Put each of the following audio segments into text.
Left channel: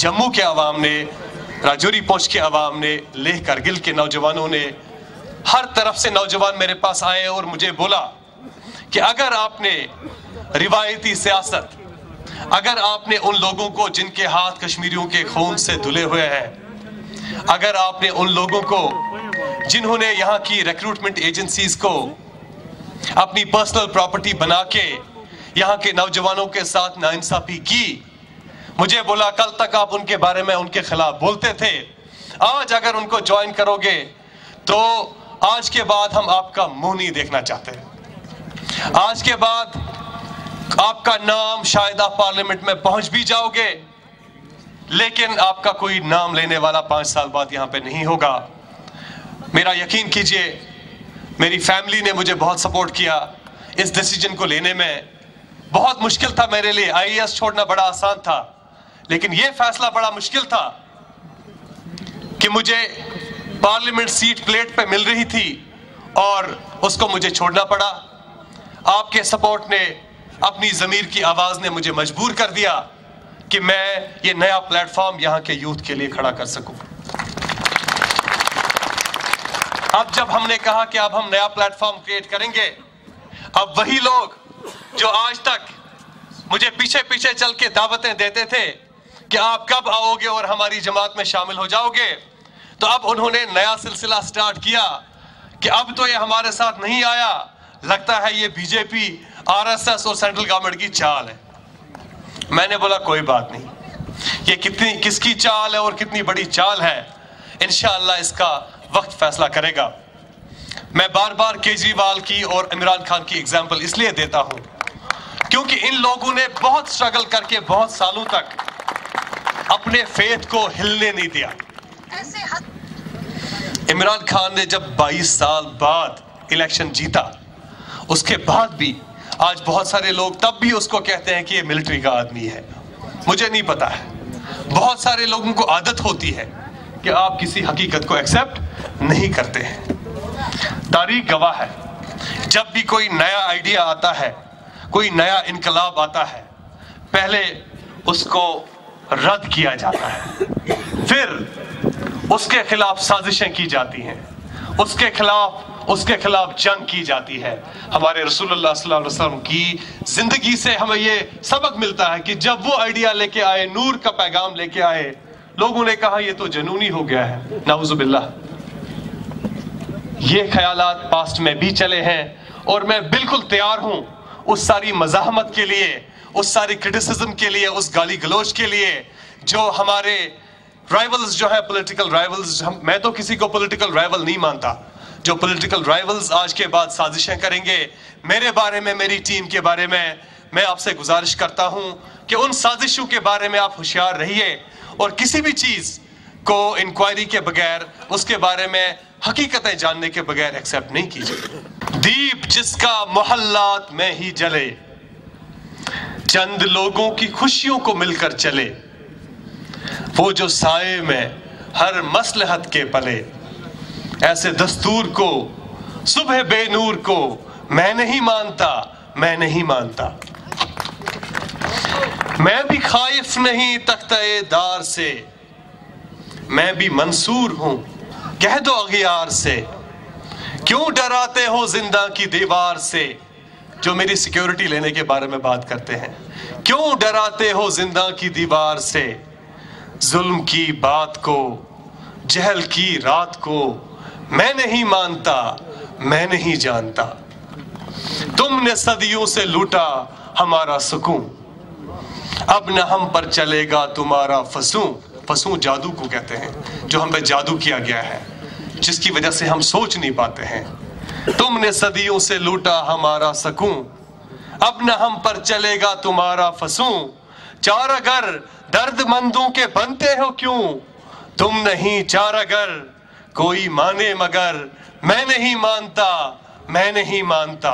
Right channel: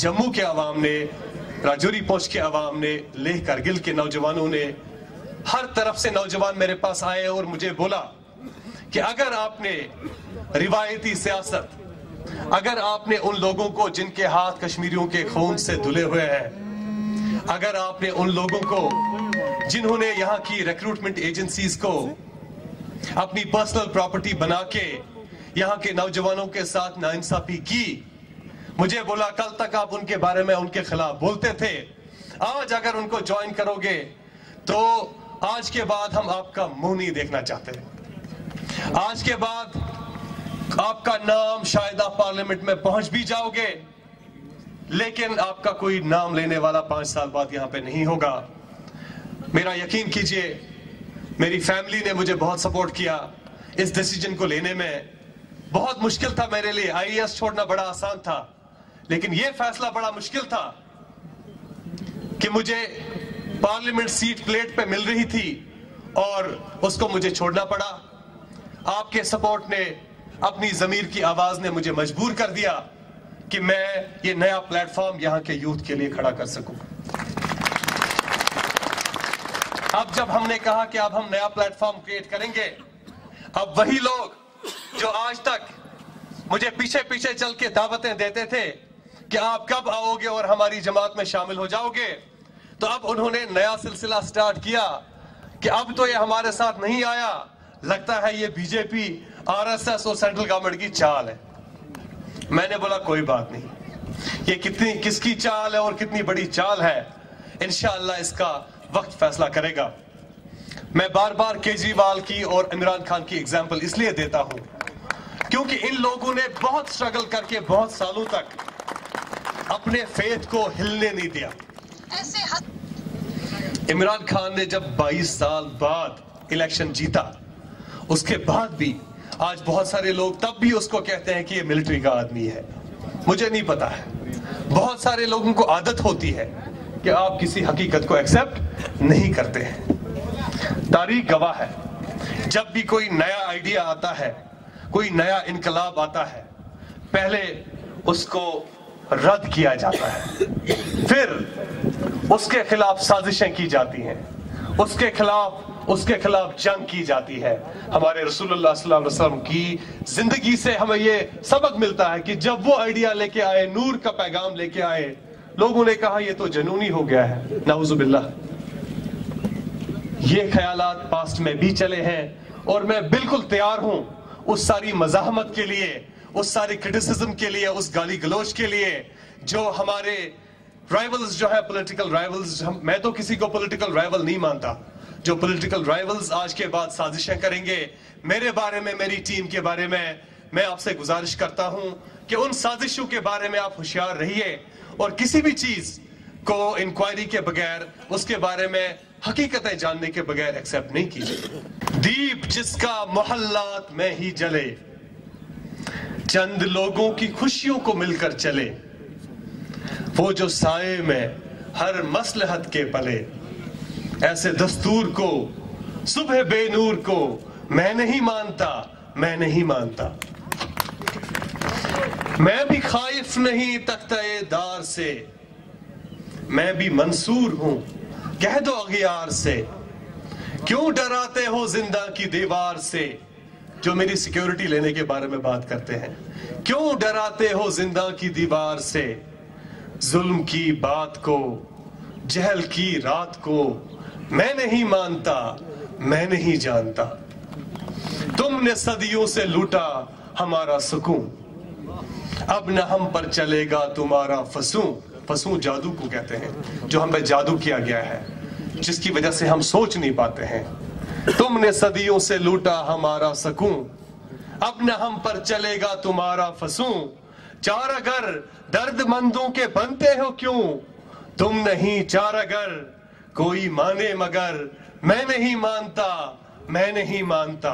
जम्मू के अवाम ने, राजौरी पोस्ट के अवाम ने, लेह करगिल के नौजवानों ने, हर तरफ से नौजवान मेरे पास आए और मुझे बोला कि अगर आपने रिवायती सियासत, अगर आपने उन लोगों को जिनके हाथ कश्मीरियों के खून से धुले हुए हैं, अगर आपने उन लोगों को जिन्होंने यहाँ की रिक्रूटमेंट एजेंसीज को अपनी पर्सनल प्रॉपर्टी बना के यहाँ के नौजवानों के साथ नाइंसाफी की, मुझे बोला कल तक आप उनके बारे में उनके खिलाफ बोलते थे, आज अगर उनको ज्वाइन करोगे तो आज के बाद हम आपका मुंह नहीं देखना चाहते। आज के बाद आपका नाम शायद आप पार्लियामेंट में पहुंच भी जाओगे, लेकिन आपका कोई नाम लेने वाला 5 साल बाद यहां पे नहीं होगा। मेरा यकीन कीजिए, मेरी फैमिली ने मुझे बहुत सपोर्ट किया इस डिसीजन को लेने में। बहुत मुश्किल था मेरे लिए, आईएएस छोड़ना बड़ा आसान था, लेकिन यह फैसला बड़ा मुश्किल था कि मुझे पार्लियामेंट सीट प्लेट पे मिल रही थी और उसको मुझे छोड़ना पड़ा। आपके सपोर्ट ने, अपनी ज़मीर की आवाज ने मुझे मजबूर कर दिया कि मैं ये नया प्लेटफॉर्म यहाँ के यूथ के लिए खड़ा कर सकूं। अब जब हमने कहा कि अब हम नया प्लेटफॉर्म क्रिएट करेंगे, अब वही लोग जो आज तक मुझे पीछे पीछे चल के दावतें देते थे कि आप कब आओगे और हमारी जमात में शामिल हो जाओगे, तो अब उन्होंने नया सिलसिला स्टार्ट किया कि अब तो ये हमारे साथ नहीं आया, लगता है ये बीजेपी, आरएसएस और सेंट्रल गवर्नमेंट की चाल है। मैंने बोला कोई बात नहीं, ये कितनी किसकी चाल है और कितनी बड़ी चाल है, इंशाअल्लाह इसका वक्त फैसला करेगा। मैं बार बार केजरीवाल की और इमरान खान की एग्जाम्पल इसलिए देता हूं क्योंकि इन लोगों ने बहुत स्ट्रगल करके बहुत सालों तक अपने फेथ को हिलने नहीं दिया। इमरान खान ने जब 22 साल बाद इलेक्शन जीता, उसके बाद भी आज बहुत सारे लोग तब भी उसको कहते हैं कि ये मिलिट्री का आदमी है। मुझे नहीं पता है, बहुत सारे लोगों को आदत होती है कि आप किसी हकीकत को एक्सेप्ट नहीं करते हैं। तारीख गवाह है, जब भी कोई नया आइडिया आता है, कोई नया इनकलाब आता है, पहले उसको रद्द किया जाता है, फिर उसके खिलाफ साजिशें की जाती हैं, उसके खिलाफ जंग की जाती है। हमारे रसूलुल्लाह सल्लल्लाहु अलैहि वसल्लम की जिंदगी से हमें ये सबक मिलता है कि जब वो आइडिया लेके आए, नूर का पैगाम लेके आए, लोगों ने कहा ये तो जनूनी हो गया है, नाउजुबिल्लाह। ये ख्यालात पास्ट में भी चले हैं और मैं बिल्कुल तैयार हूं उस सारी मज़ाहमत के लिए, उस सारी क्रिटिसिज्म के लिए, उस गाली गलोच के लिए जो हमारे राइवल्स जो है, पॉलिटिकल राइवल्स, मैं तो किसी को पॉलिटिकल राइवल नहीं मानता, जो पॉलिटिकल राइवल्स आज के बाद साजिशें करेंगे मेरे बारे में, मेरी टीम के बारे में, मैं आपसे गुजारिश करता हूं कि उन साजिशों के बारे में आप होशियार रहिए और किसी भी चीज को इंक्वायरी के बगैर, उसके बारे में हकीकतें जानने के बगैर एक्सेप्ट नहीं कीजिए। दीप जिसका मोहल्लात में ही जले, चंद लोगों की खुशियों को मिलकर चले, वो जो साए में हर मसलहत के पले, ऐसे दस्तूर को, सुबह बेनूर को मैं नहीं मानता, मैं नहीं मानता। मैं भी खाइफ नहीं तख्ते दार से, मैं भी मंसूर हूं कह दो अगियार से, क्यों डराते हो जिंदा की दीवार से। जो मेरी सिक्योरिटी लेने के बारे में बात करते हैं, क्यों डराते हो जिंदा की दीवार से। जुल्म की बात को, जहल की रात को मैं नहीं मानता, मैं नहीं जानता। तुमने सदियों से लूटा हमारा सुकून, अब न हम पर चलेगा तुम्हारा फसूं। फसूं जादू को कहते हैं, जो हम पे जादू किया गया है, जिसकी वजह से हम सोच नहीं पाते हैं। तुमने सदियों से लूटा हमारा सुकून, अब न हम पर चलेगा तुम्हारा फसूं। चार अगर दर्दमंदों के बनते हो क्यों, तुम नहीं चार अगर कोई माने मगर, मैं नहीं मानता, मैं नहीं मानता।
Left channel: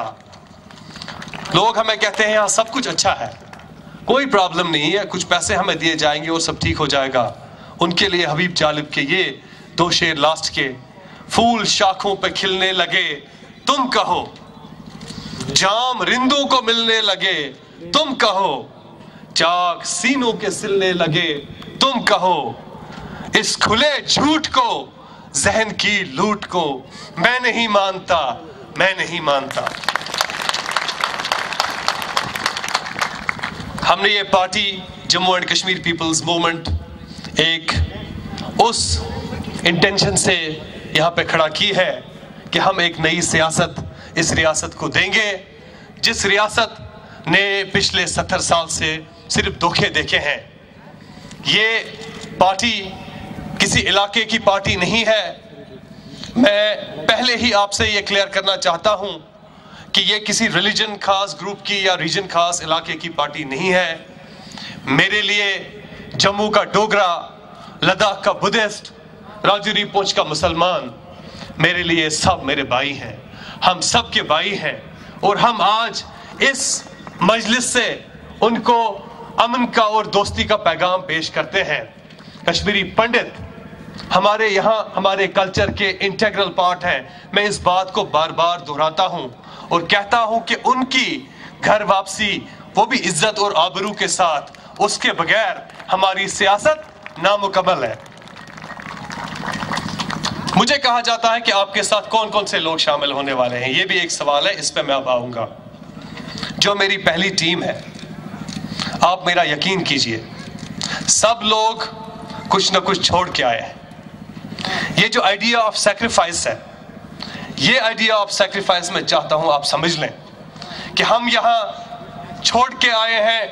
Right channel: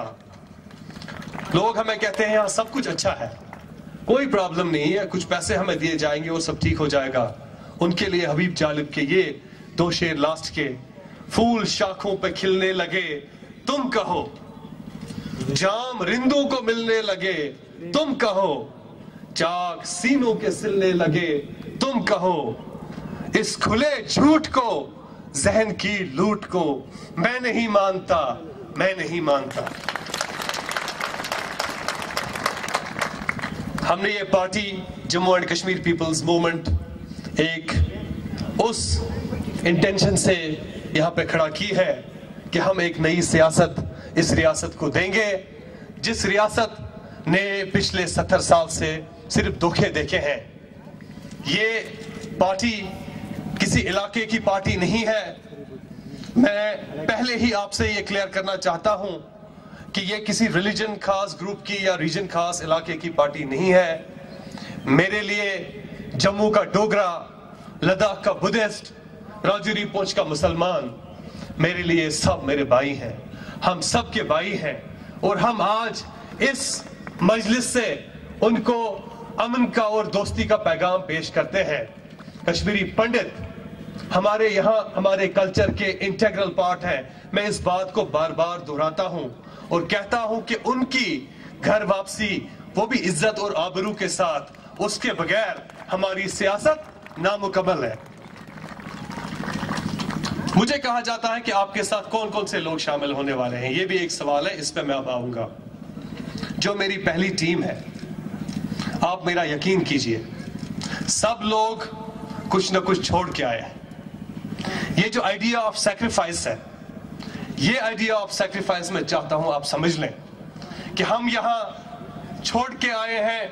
लोग हमें कहते हैं यहाँ सब कुछ अच्छा है, कोई प्रॉब्लम नहीं है, कुछ पैसे हमें दिए जाएंगे और सब ठीक हो जाएगा। उनके लिए हबीब जालिब के ये 2 शेर लास्ट के, फूल शाखों पे खिलने लगे तुम कहो, जाम रिंदों को मिलने लगे तुम कहो, चाक सीनों के सिलने लगे तुम कहो इस खुले झूठ को, जहन की लूट को, मैं नहीं मानता, मैं नहीं मानता। हमने ये party Jammu and Kashmir people's movement एक उस इंटेंशन से यहाँ पे खड़ा की है कि हम एक नई सियासत इस रियासत को देंगे, जिस रियासत ने पिछले 70 साल से सिर्फ धोखे देखे हैं। ये पार्टी किसी इलाके की पार्टी नहीं है। मैं पहले ही आपसे ये क्लियर करना चाहता हूं कि ये किसी रिलीजन खास ग्रुप की या रीजन खास इलाके की पार्टी नहीं है। मेरे लिए जम्मू का डोगरा, लद्दाख का बुद्धिस्ट, राजौरी पुंछ का मुसलमान, मेरे लिए सब मेरे भाई हैं। हम सब के भाई हैं और हम आज इस मजलिस से उनको अमन का और दोस्ती का पैगाम पेश करते हैं। कश्मीरी पंडित हमारे यहाँ हमारे कल्चर के इंटीग्रल पार्ट हैं। मैं इस बात को बार बार दोहराता हूँ और कहता हूँ कि उनकी घर वापसी वो भी इज्जत और आबरू के साथ, उसके बगैर हमारी सियासत नामुकम्मल है। मुझे कहा जाता है कि आपके साथ कौन कौन से लोग शामिल होने वाले हैं, ये भी एक सवाल है, इस पे मैं अब आऊंगा। जो मेरी पहली टीम है, आप मेरा यकीन कीजिए, सब लोग कुछ ना कुछ छोड़ के आए हैं। ये जो आइडिया ऑफ सैक्रिफाइस है, ये आइडिया ऑफ सैक्रिफाइस मैं चाहता हूं आप समझ लें कि हम यहां छोड़ के आए हैं,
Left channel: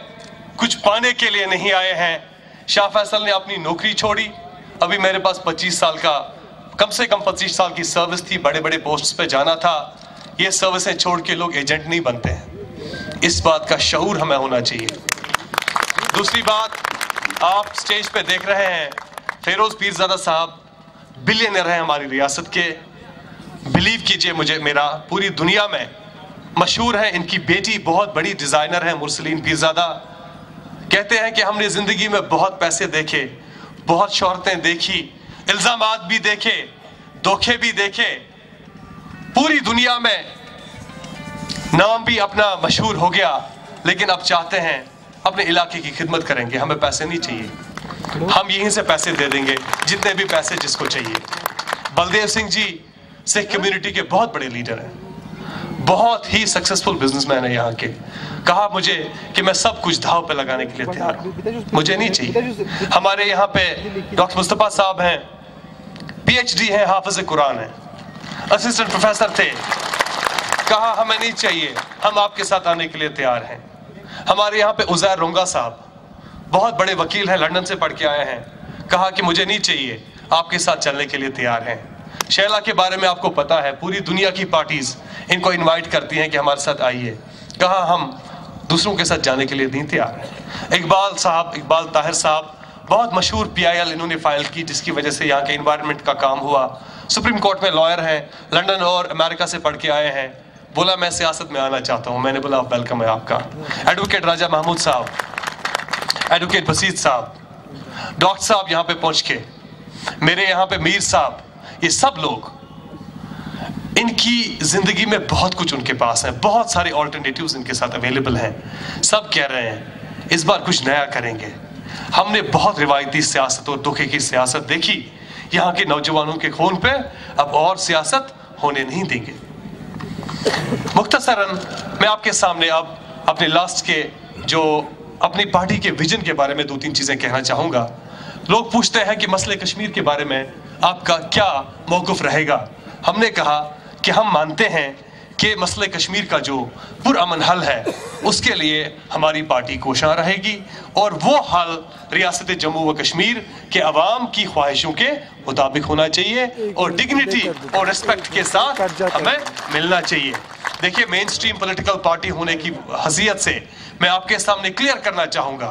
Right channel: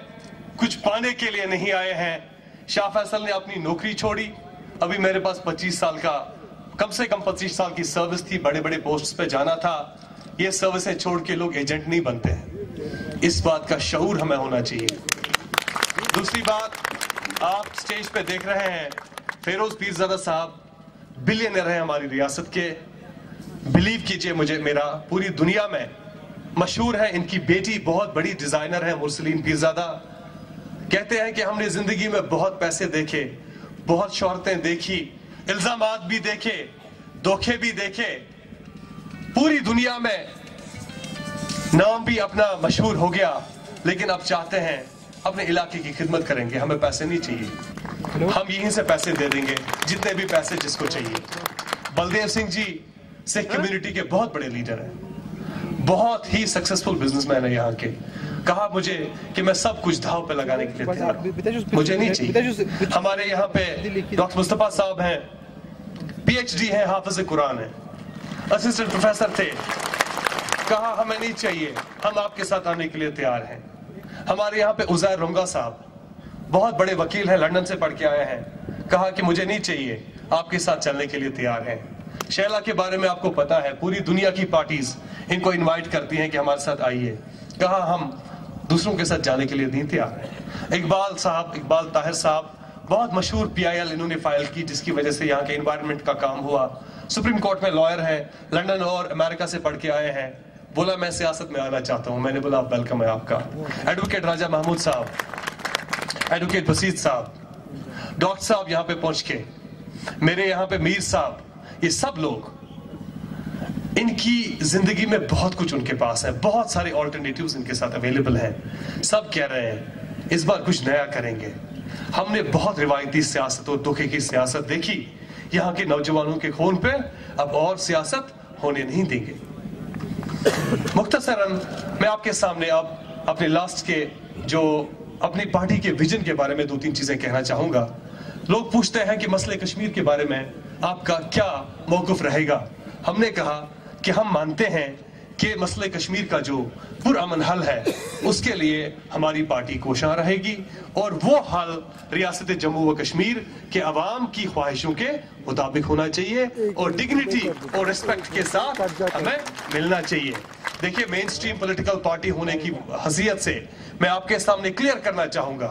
कुछ पाने के लिए नहीं आए हैं। शाह फैसल ने अपनी नौकरी छोड़ी, अभी मेरे पास 25 साल का, कम से कम 25 साल की सर्विस थी, बड़े बड़े पोस्ट्स पे जाना था। ये सर्विसें छोड़ के लोग एजेंट नहीं बनते हैं, इस बात का शऊर हमें होना चाहिए। दूसरी बात, आप स्टेज पे देख रहे हैं फेरोज पीरजादा साहब बिलियनर हैं हमारी रियासत के। बिलीव कीजिए मुझे, मेरा पूरी दुनिया में मशहूर है। इनकी बेटी बहुत बड़ी डिजाइनर है, मुरसलीन पीरजादा। कहते हैं कि हमने जिंदगी में बहुत पैसे देखे, बहुत शोहरतें देखी, इल्जामात भी देखे, धोखे भी देखे, पूरी दुनिया में नाम भी अपना मशहूर हो गया, लेकिन अब चाहते हैं अपने इलाके की खिदमत करेंगे। हमें पैसे नहीं चाहिए, हम यहीं से पैसे दे देंगे, जितने भी पैसे जिसको चाहिए। बलदेव सिंह जी सिख कम्युनिटी के बहुत बड़े लीडर हैं, बहुत ही सक्सेसफुल बिजनेसमैन है यहाँ के। कहा मुझे कि मैं सब कुछ दांव पे लगाने के लिए तैयार हूँ, मुझे नहीं चाहिए। हमारे यहाँ पे डॉक्टर मुस्तफा साहब हैं, PhD हैं, हाफिज कुरान हैं, असिस्टेंट प्रोफेसर थे। कहा हमें नहीं चाहिए, हम आपके साथ आने के लिए तैयार हैं। हमारे यहाँ पे उज़ैर रुंगा साहब बहुत बड़े वकील हैं, लंदन से पढ़ के आए हैं। कहा कि मुझे नहीं चाहिए, आपके साथ चलने के लिए तैयार हैं। शैला के बारे में आपको पता है, पूरी दुनिया की पार्टीज इनको इनवाइट करती हैं कि हमारे साथ आइए। कहा हम दूसरों के साथ जाने के लिए नहीं तैयार हैं। इकबाल साहब, इकबाल ताहिर साहब, बहुत मशहूर PIL इन्होंने फाइल की, जिसकी वजह से यहाँ के इन्वायरमेंट का काम हुआ। सुप्रीम कोर्ट में लॉयर हैं, लंदन और अमेरिका से पढ़ के आए हैं। बोला मैं सियासत में आना चाहता हूँ। मैंने बोला वेलकम है आपका। एडवोकेट राजा महमूद साहब, एडवोकेट बसीत साहब, डॉक्टर साहब यहाँ पे पहुँच के, मेरे यहाँ पे मीर साहब, ये सब लोग, इनकी जिंदगी में बहुत कुछ उनके पास है, बहुत सारे ऑल्टरनेटिव्स इनके साथ अवेलेबल हैं। सब कह रहे हैं इस बार कुछ नया करेंगे। हमने बहुत रिवायती सियासत और धोखे की सियासत देखी, यहाँ के नौजवानों के खून पे अब और सियासत होने नहीं देंगे। मुख्तसरन मैं आपके सामने अब अपने लास्ट के जो अपनी पार्टी के विजन के बारे में 2-3 चीजें कहना चाहूंगा। लोग पूछते हैं कि मसले कश्मीर के बारे में आपका क्या मौक़िफ़ रहेगा। हमने कहा कि हम मानते हैं कि मसले कश्मीर का जो पुरअमन हल है, उसके लिए हमारी पार्टी कोशां रहेगी और वो हल रियासत जम्मू व कश्मीर के अवाम की ख्वाहिशों के मुताबिक होना चाहिए और डिग्निटी और रिस्पेक्ट के साथ हमें मिलना चाहिए। देखिए, मेन स्ट्रीम पॉलिटिकल पार्टी होने की हैसियत से मैं आपके सामने क्लियर करना चाहूंगा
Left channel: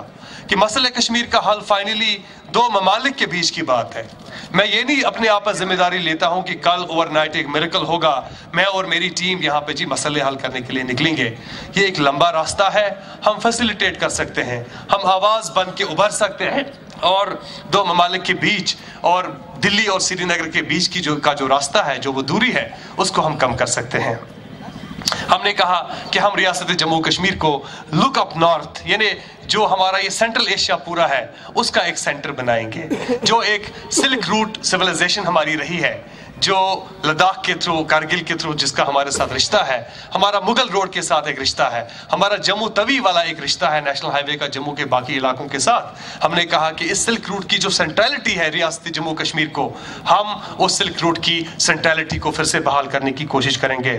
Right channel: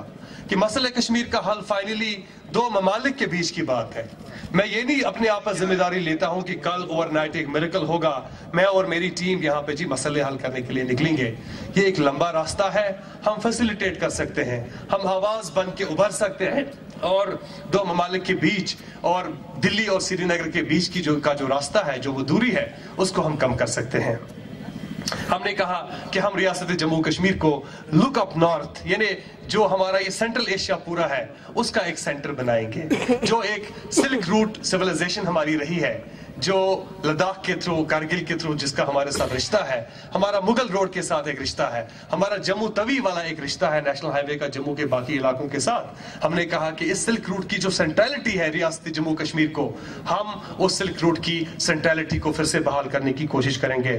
कि मसले कश्मीर का हल फाइनली 2 ममालिक के बीच की बात है। मैं ये नहीं अपने आप पर जिम्मेदारी लेता हूं कि कल ओवरनाइट एक मिरेकल होगा, मैं और मेरी टीम यहाँ पे जी मसले हल करने के लिए निकलेंगे। ये एक लंबा रास्ता है, हम फैसिलिटेट कर सकते हैं, हम आवाज बन के उभर सकते हैं और 2 ममालिक के बीच और दिल्ली और श्रीनगर के बीच की जो रास्ता है, जो वो दूरी है, उसको हम कम कर सकते हैं। हमने कहा कि हम रियासत जम्मू कश्मीर को लुक अप नॉर्थ, यानी जो हमारा ये सेंट्रल एशिया पूरा है उसका एक सेंटर बनाएंगे, जो एक सिल्क रूट सिविलाइजेशन हमारी रही है, जो लद्दाख के थ्रू, कारगिल के थ्रू जिसका हमारे साथ रिश्ता है, हमारा मुगल रोड के साथ एक रिश्ता है, हमारा जम्मू तवी वाला एक रिश्ता है नेशनल हाईवे का जम्मू के बाकी इलाकों के साथ। हमने कहा कि इस सिल्क रूट की जो सेंट्रलिटी है रियासत जम्मू कश्मीर को, हम उस सिल्क रूट की सेंट्रलिटी को फिर से बहाल करने की कोशिश करेंगे।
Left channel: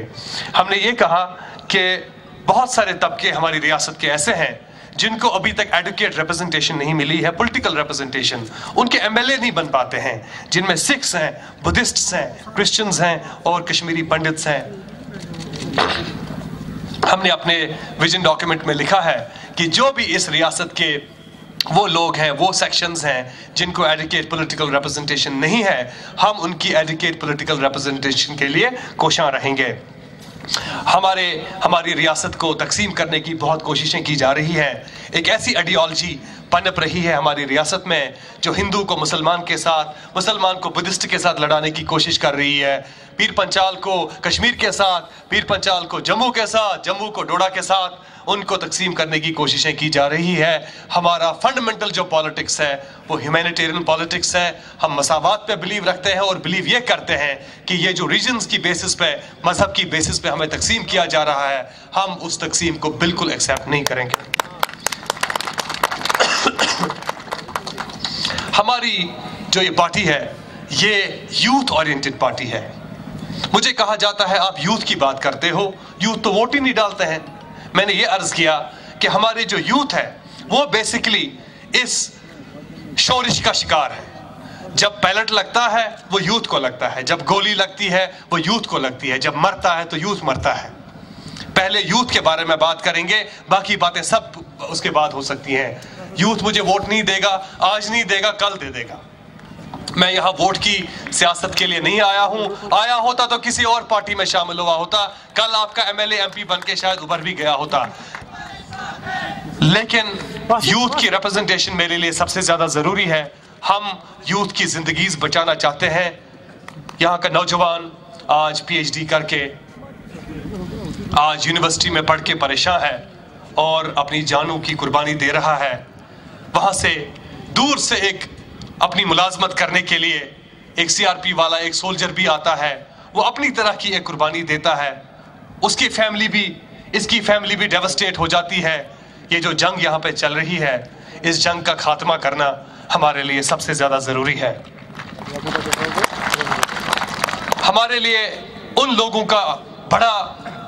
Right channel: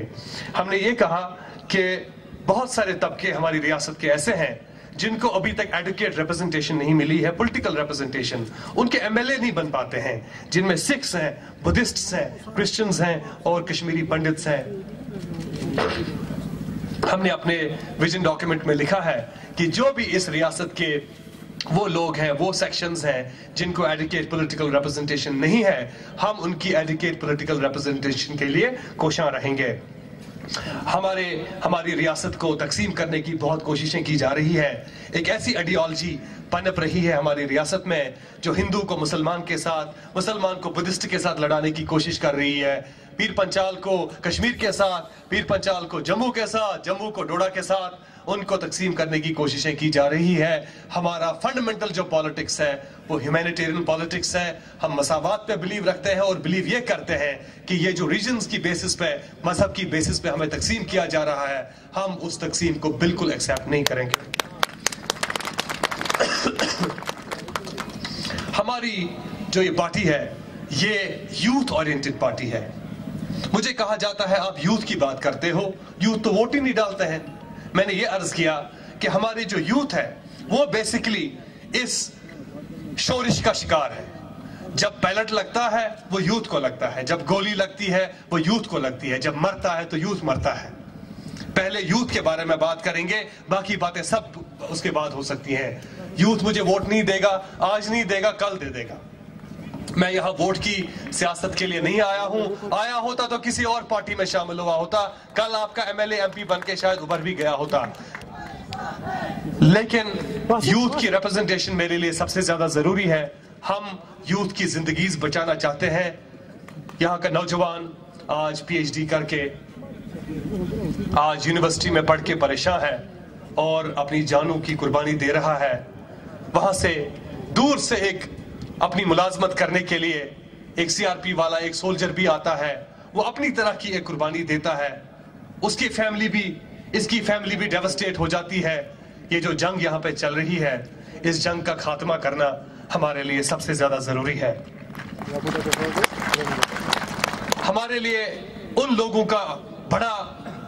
हमने ये कहा कि बहुत सारे तबके हमारी रियासत के ऐसे हैं जिनको अभी तक एडुकेट रिप्रेजेंटेशन नहीं मिली है, पॉलिटिकल रिप्रेजेंटेशन, उनके एमएलए नहीं बन पाते हैं, जिनमें सिख्स हैं, बुद्धिस्ट्स हैं, क्रिश्चियंस हैं और कश्मीरी पंडित्स हैं। हमने अपने विजन डॉक्यूमेंट में लिखा है कि जो भी इस रियासत के वो लोग हैं, वो सेक्शंस हैं जिनको एडुकेट पॉलिटिकल रिप्रेजेंटेशन नहीं है, हम उनकी एडुकेट पॉलिटिकल रिप्रेजेंटेशन के लिए कोशां रहेंगे। हमारी रियासत को तकसीम करने की बहुत कोशिशें की जा रही हैं। एक ऐसी आइडियोलॉजी पनप रही है हमारी रियासत में जो हिंदू को मुसलमान के साथ, मुसलमान को बुद्धिस्ट के साथ लड़ाने की कोशिश कर रही है, पीर पंचाल को कश्मीर के साथ, पीर पंचाल को जम्मू के साथ, जम्मू को डोडा के साथ, उनको तकसीम करने की कोशिशें की जा रही है। हमारा फंडामेंटल जो पॉलिटिक्स है वो ह्यूमैनिटेरियन पॉलिटिक्स है। हम मसावात पे बिलीव रखते हैं और बिलीव ये करते हैं कि ये जो रीजन्स की बेसिस पे, मजहब की बेसिस पे हमें तकसीम किया जा रहा है, हम उस तकसीम को बिल्कुल एक्सेप्ट नहीं करेंगे। हमारी जो ये पार्टी है ये यूथ ओरिएंटेड पार्टी है। मुझे कहा जाता है आप यूथ की बात करते हो, यूथ तो वोट ही नहीं डालते हैं। मैंने ये अर्ज किया कि हमारे जो यूथ है वो बेसिकली इस शोरिश का शिकार है। जब पैलेट लगता है वो यूथ को लगता है, जब गोली लगती है वो यूथ को लगती है, जब मरता है तो यूथ मरता है। पहले यूथ के बारे में बात करेंगे, बाकी बातें सब उसके बाद हो सकती हैं। यूथ मुझे वोट नहीं देगा, आज नहीं देगा, कल दे देगा। मैं यहाँ वोट की सियासत के लिए नहीं आया हूँ, आया होता तो किसी और पार्टी में शामिल हुआ होता, कल आपका एमएलए एमपी बन के शायद उभर भी गया होता। लेकिन यूथ की रिप्रेजेंटेशन मेरे लिए सबसे ज्यादा जरूरी है। हम यूथ की जिंदगी बचाना चाहते हैं। यहाँ का नौजवान आज पीएचडी करके, आज यूनिवर्सिटी में पढ़ के परेशान है और अपनी जानों की कुर्बानी दे रहा है। वहां से दूर से एक अपनी मुलाजमत करने के लिए एक सीआरपी वाला, एक सोल्जर भी आता है, वो अपनी तरह की एक कुर्बानी देता है। उसकी फैमिली भी, इसकी फैमिली भी डेवस्टेट हो जाती है। ये जो जंग यहाँ पे चल रही है, इस जंग का खात्मा करना हमारे लिए सबसे ज्यादा जरूरी है। हमारे लिए उन लोगों का बड़ा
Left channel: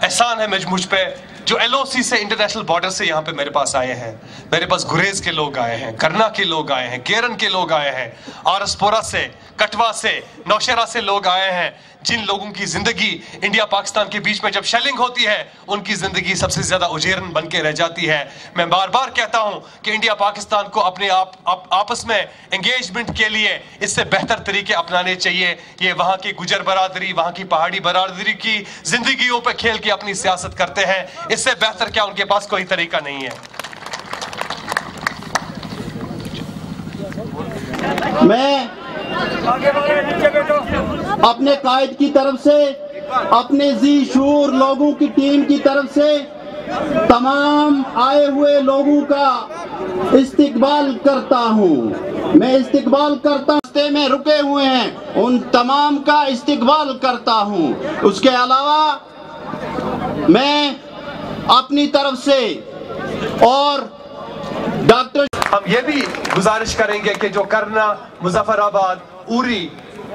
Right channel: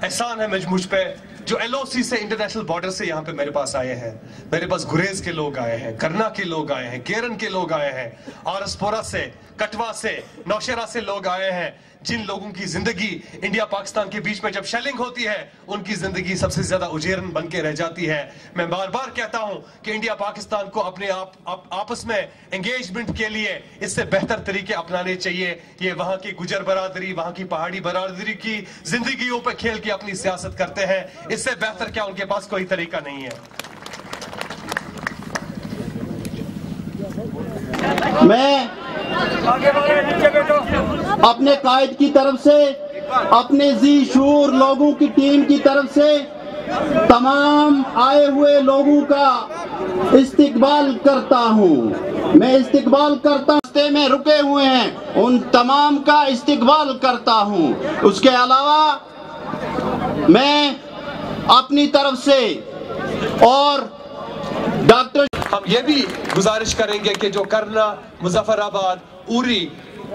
एहसान है मुझ पे जो एलओसी से, इंटरनेशनल बॉर्डर से यहाँ पे मेरे पास आए हैं। मेरे पास गुरेज के लोग आए हैं, करना के लोग आए हैं, केरन के लोग आए हैं, आरसपोरा से, कटवा से, नौशेरा से लोग आए हैं, जिन लोगों की जिंदगी इंडिया पाकिस्तान के बीच में जब शेलिंग होती है उनकी जिंदगी सबसे ज्यादा उजेरन बन के रह जाती है। मैं बार बार कहता हूं कि इंडिया पाकिस्तान को अपने आपस में एंगेजमेंट के लिए इससे बेहतर तरीके अपनाने चाहिए। ये वहां की गुजर बरादरी, वहां की पहाड़ी बरादरी की जिंदगियों पर खेल के अपनी सियासत करते हैं, इससे बेहतर क्या उनके पास कोई तरीका नहीं है। मैं अपने कायद की तरफ से, अपने जी शूर लोगों की टीम की तरफ से तमाम आए हुए लोगों का इस्तकबाल करता हूं। मैं इस्तकबाल करता हूं, रास्ते में रुके हुए हैं उन तमाम का इस्तकबाल करता हूं। उसके अलावा मैं अपनी तरफ से और डॉक्टर, हम ये भी गुजारिश करेंगे कि जो करना, मुजफ्फराबाद, उरी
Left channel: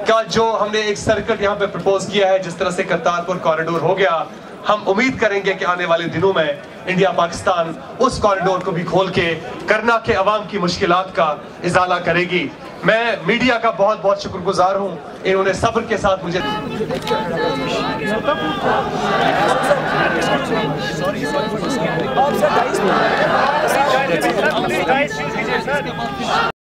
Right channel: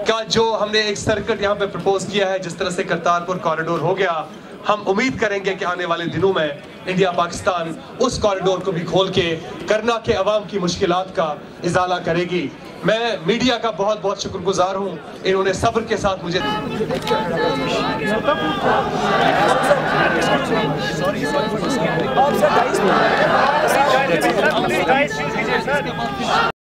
का जो हमने एक सर्कल यहाँ पे प्रपोज किया है, जिस तरह से करतारपुर कॉरिडोर हो गया, हम उम्मीद करेंगे कि आने वाले दिनों में इंडिया पाकिस्तान उस कॉरिडोर को भी खोल के करना के अवाम की मुश्किलात का इजाला करेगी। मैं मीडिया का बहुत बहुत शुक्रगुजार हूँ, इन्होंने सब्र के साथ मुझे